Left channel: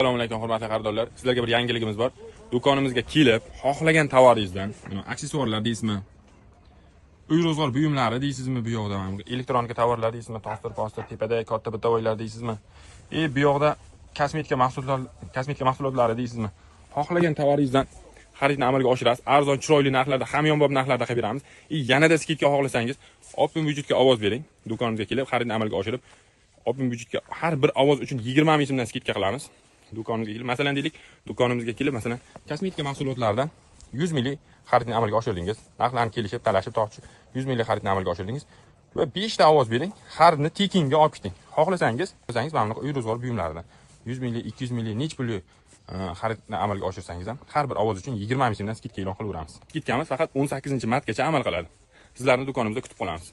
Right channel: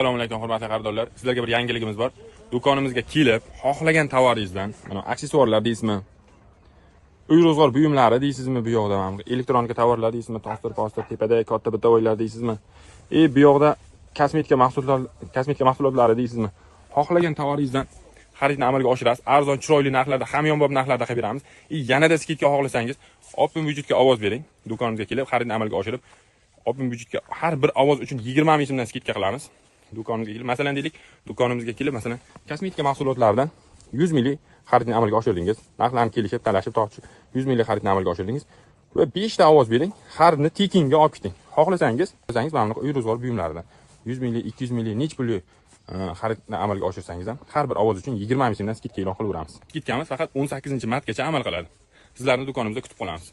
Assalomu alaykum hurmatli xaridorlar. Sizlarga bir yangiligimiz bor. Do'konimizga kelib, xohlagan tovaringizdan, mana aksessuarlar deysizmi? Uy ro'zg'or buyumlari deysizmi bu yoqda, mana elektronika tovarlar deysizmi? Toster, tepada katta bitta o'yinlar deysizmi? Bu yoqda kosmetika mahsulotlari deysizmi? Xohlagan tovaringizdan xaridni amalga oshirasiz. Arzon, chiroyli narxlarda, hamyonbop narxlarda qilib beramiz. Yanada skidka xohlasangiz, Optim Budgetga ovoz bering. Do'konimizga kelib, xaridni amalga oshirib, Optim Budgetga har bir ovoz uchun 20 ming so'mdan skidka qilamiz. Do'konimizga kelib, masalan deylik, do'konimizga kelib, masalan, kosmetika mahsulotlaridan 100 ming xaridni amalga oshirdingiz. Narxlarni kelishib, talashib, 100 ming xaridni amalga oshirdingiz. Va 5 ta ovoz bering, xaridni tekinga olib chiqing. Xohlasangiz, mana uy ro'zg'or buyumlari 100 ming, 200 ming, nech pullik xaridni amalga oshirsangiz ham har bir ovoz uchun 20 ming so'mdan skidka e'lon qilaveramiz. Skidkamiz faqat 18-martgacha amal qiladi. Sizlarni do'konimizda kutib qolamiz.